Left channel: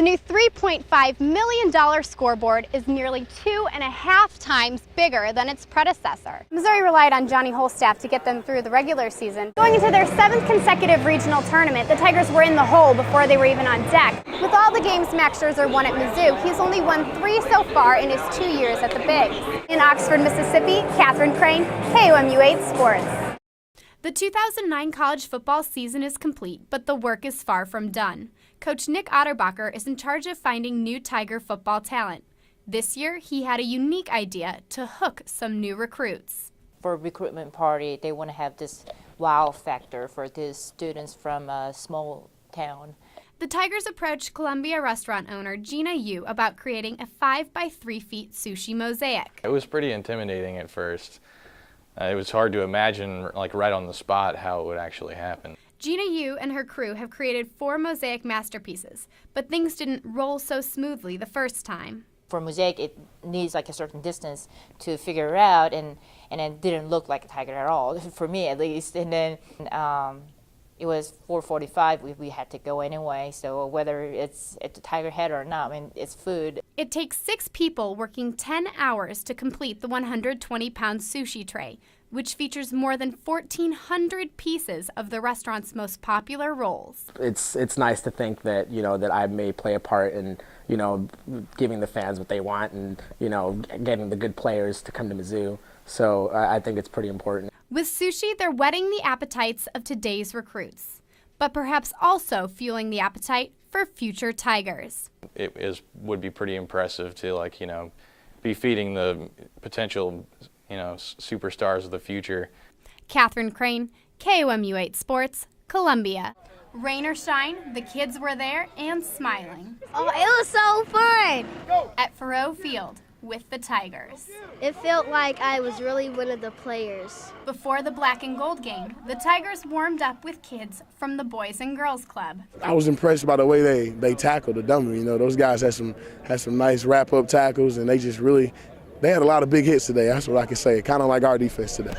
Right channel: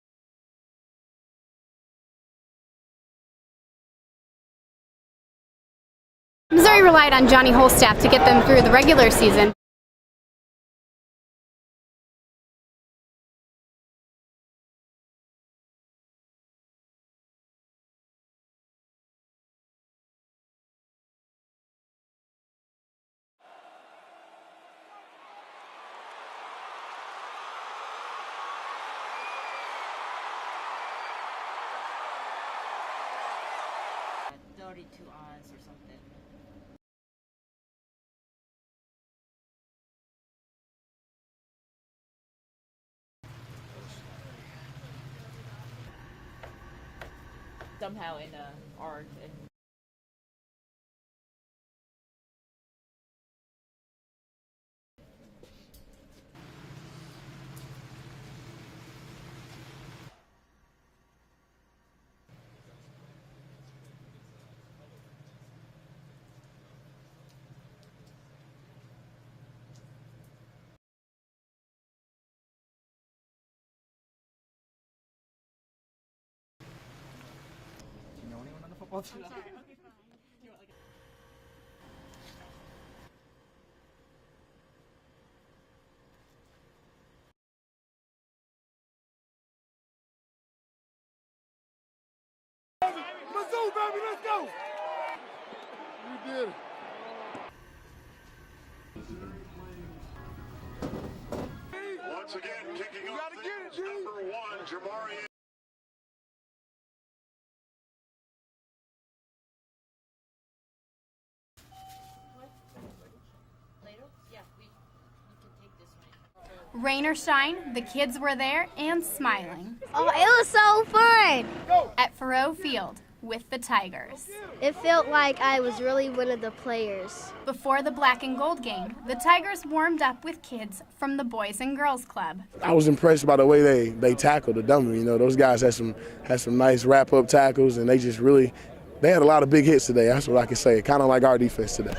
The new $3.5 million scoreboard is nearly 2.5 times bigger than its predecessor. Missouri relied on Johnny Holstaff to get them through the regular season. Going into their 7th consecutive regional tournament, the Tigers were in the hole before they were even on deck. With all the games Max Scherzer won at Mizzou, he's only won 3 so far in his 2 years at the Bigs. In Oxford, Mississippi, Catherine Crane, KOMU 8 Sports. The 2009 college football season is complete, but the work is far from done. Coach Nick Otterbacher is in charge of finding new Tiger football talent. This year, he had a unique idea to hook some new recruits. For a recruitment party, they want to have this wow factor for these students from a small town. The Tigers approached Columbia restaurant owner Gina Yu about creating a 5 by 3 feet sushi mosaic. It was pretty intimidating at first. It was hard to imagine, like right on the spot, how it would actually happen. Gina Yu and her crew have created 4 mosaic masterpieces, but things didn't roll so smoothly the first time. For mosaic, it needs like a certain distance to figure it out, and it didn't look like a tiger at all, for me at least. And then it was 4:45, we had to go anyway, so whether it's a tiger head or not, I mean, it's food. It takes 6 people working 10 hours to complete the 120-pound sushi tray, which features more than 1,400 pieces of the restaurant's most popular rolls. It's nice to think that, that I may play a part in, giving the fans what they want and, getting the good players to come to Mizzou. So I think it's pretty important. With sushi, they're whetting the appetites of today's recruits, but perhaps also fueling the appetite for future Tigers. It would be pretty impressive to, be feeding the potential superstars of the future. Catherine Crane, KOMU 8 Sports, Columbia. Rain or shine, the kids were there and smiling. Oh, it was so fun! At Faurot Field with the Tigers. It felt like I was really one of the players. Before the black and gold game, the Tigers warmed up with kids from the Boys and Girls Club. I was impressed by the way they tackled the dummy. Those guys had some nice wrap-up tackles, and they had a lot of big hits today. That's what I can say, kind of like our defense today.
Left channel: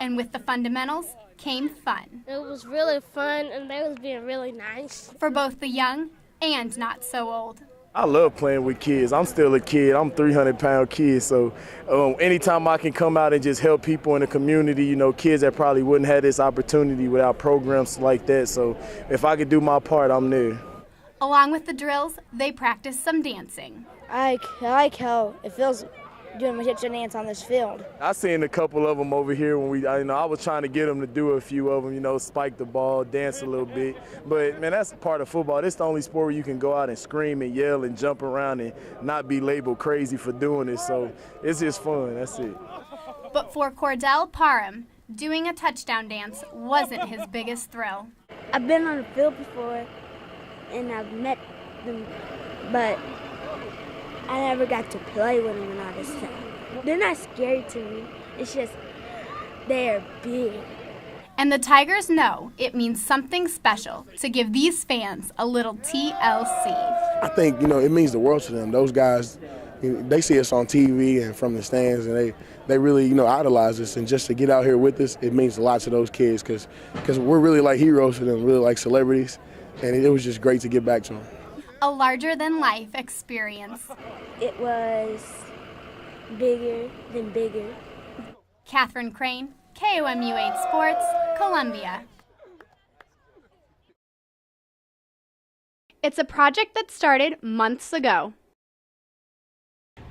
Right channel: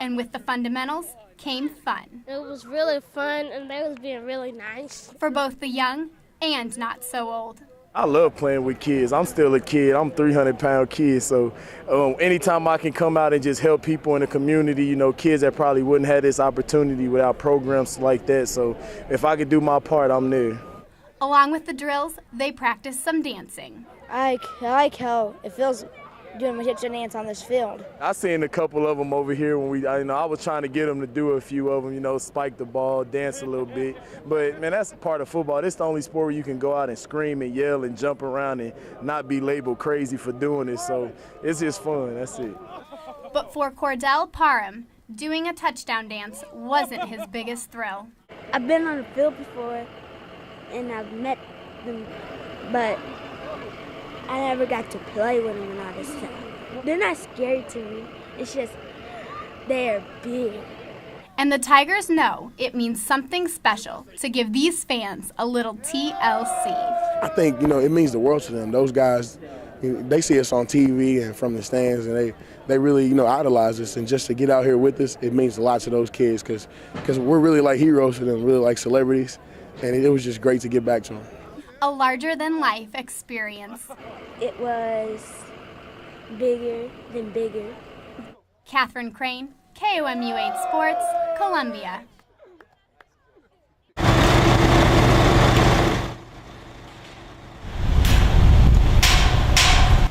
And with the fundamentals came fun. It was really fun, and they was being really nice. For both the young and not so old. I love playing with kids. I'm still a kid. I'm a 300-pound kid, so anytime I can come out and just help people in the community, kids that probably wouldn't have this opportunity without programs like that. So if I could do my part, I'm there. Along with the drills, they practiced some dancing. I like how it feels doing a kitchen dance on this field. I seen a couple of them over here when I was trying to get them to do a few of them, spike the ball, dance a little bit. But man, that's part of football. This is the only sport where you can go out and scream and yell and jump around and not be labeled crazy for doing it. So it's just fun. That's it. But for Cordell Parham, doing a touchdown dance wasn't his biggest thrill. I've been on the field before, and I've met them, but I never got to play with them and all this stuff. They're not scary to me. It's just they're big. And the Tigers know it means something special to give these fans a little TLC. I think, it means the world to them. Those guys, they see us on TV and from the stands, and they really, idolize us. And just to get out here with us, it means a lot to those kids because we're really like heroes to them, really like celebrities. And it was just great to get back to them. A larger-than-life experience. It was bigger than bigger. Catherine Crane, KOMU 8 Sports, Columbia. It's a project that started months ago.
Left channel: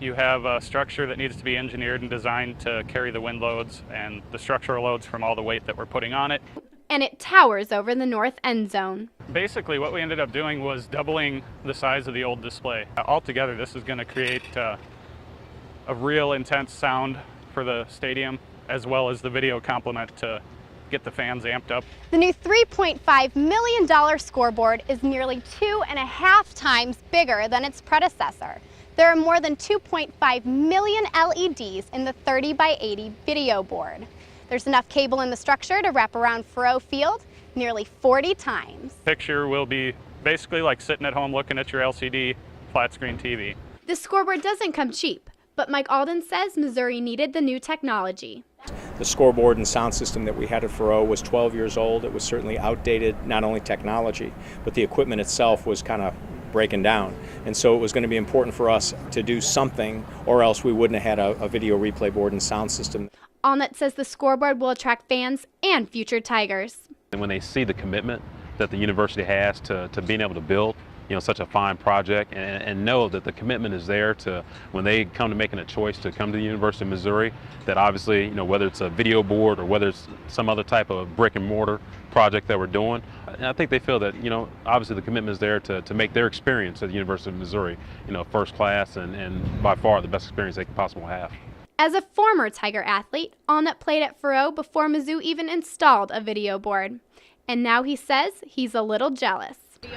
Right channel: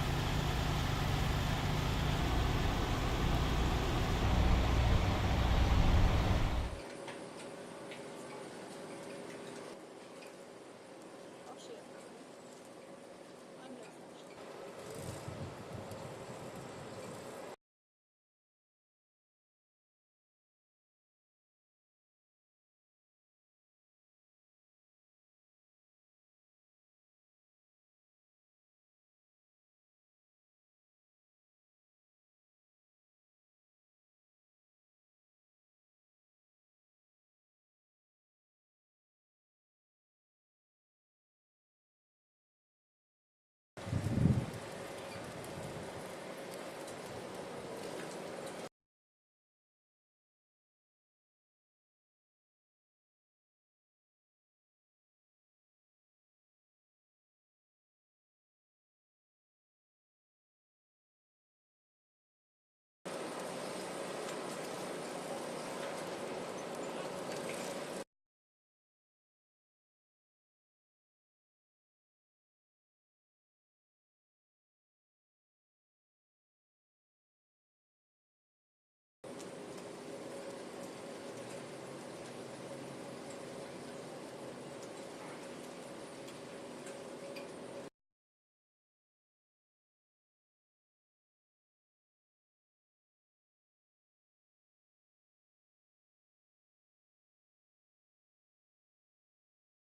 You have a structure that needs to be engineered and designed to carry the wind loads and the structural loads from all the weight that we're putting on it. And it towers over the north end zone. Basically, what we ended up doing was doubling the size of the old display. Altogether, this is going to create a real intense sound for the stadium, as well as the video complement to get the fans amped up. The new $3.5 million scoreboard is nearly 2.5 times bigger than its predecessor. There are more than 2.5 million LEDs in the 30 by 80 video board. There's enough cable in the structure to wrap around Faurot Field nearly 40 times. Picture will be basically like sitting at home looking at your LCD flat screen TV. This scoreboard doesn't come cheap, but Mike Alden says Missouri needed the new technology. The scoreboard and sound system that we had at Faurot was 12 years old. It was certainly outdated, not only technology, but the equipment itself was kind of breaking down. And so it was going to be important for us to do something, or else we wouldn't have had a video replay board and sound system. Allnutt says the scoreboard will attract fans and future Tigers. And when they see the commitment that the university has to being able to build, such a fine project, and know that the commitment is there to, when they come to making a choice to come to the University of Missouri, that obviously, whether it's a video board or whether it's some other type of brick and mortar project that we're doing, I think they feel that, obviously the commitment is there to make their experience at the University of Missouri, first class and by far the best experience they can possibly have. As a former Tiger athlete, Allnutt played at Faroe before Mizzou even installed a video board. And now he says he's a little jealous.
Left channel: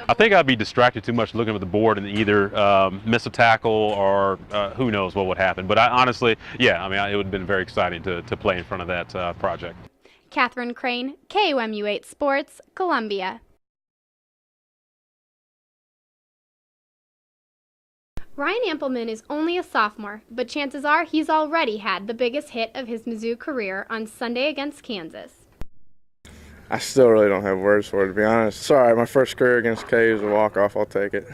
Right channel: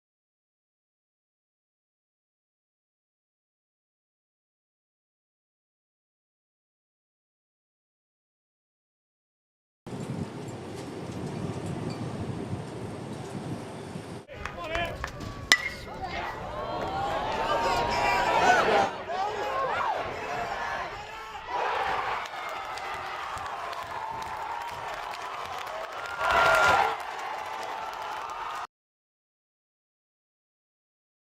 I think I'd be distracted too much looking at the board and either miss a tackle or who knows what would happen. But honestly, yeah, it would have been very exciting to play in front of that project. Catherine Crane, KUMU 8 Sports, Columbia. Ryan Ampleman is only a sophomore, but chances are he's already had the biggest hit of his Mizzou career on Sunday against Kansas. I still really don't have words for it, to be honest. Sorry, my first career against KU was a walk-off. I'll take it.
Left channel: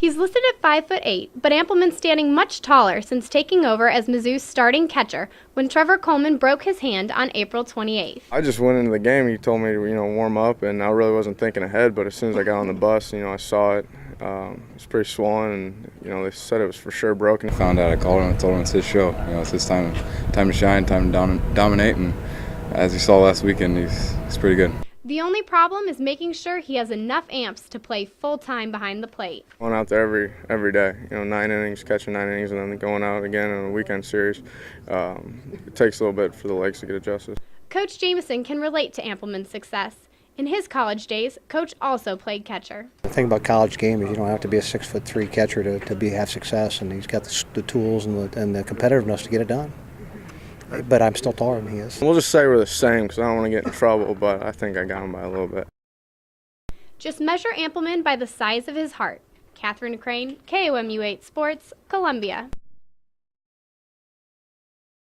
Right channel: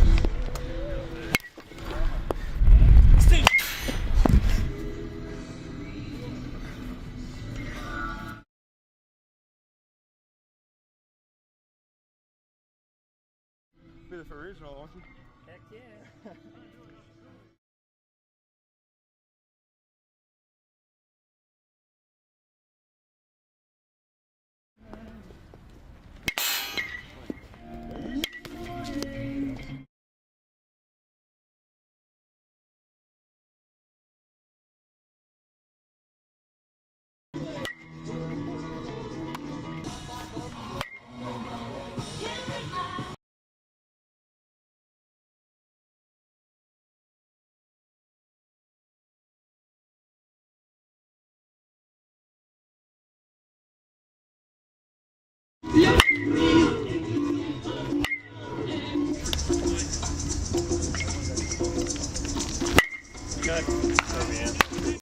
He's listed at 5'8", but Ampleman's standing much taller since taking over as Mizzou's starting catcher when Trevor Coleman broke his hand on April 28th. I just went into the game. He told me to, warm up, and I really wasn't thinking ahead. But as soon as I got on the bus, I saw it. It's pretty swollen, and they said it was for sure broken. I found out. I called him and told him it's his show. It's his time to shine, time to dominate, and as you saw last weekend, he's pretty good. The only problem is making sure he has enough amps to play full-time behind the plate. Going out there every day, 9 innings, catching 9 innings, and then going out again in a weekend series. It takes a little bit for the legs to get adjusted. Coach Jameson can relate to Ampleman's success. In his college days, Coach also played catcher. The thing about college game is you don't have to be a 6'3" catcher to have success, and he's got the tools and the competitiveness to get it done. But I'm still taller than he is. We'll just say we're the same because I don't want to get in trouble, but I think I got him by a little bit. Just measure Ampleman by the size of his heart. Catherine Crane, KUMU 8 Sports, Columbia.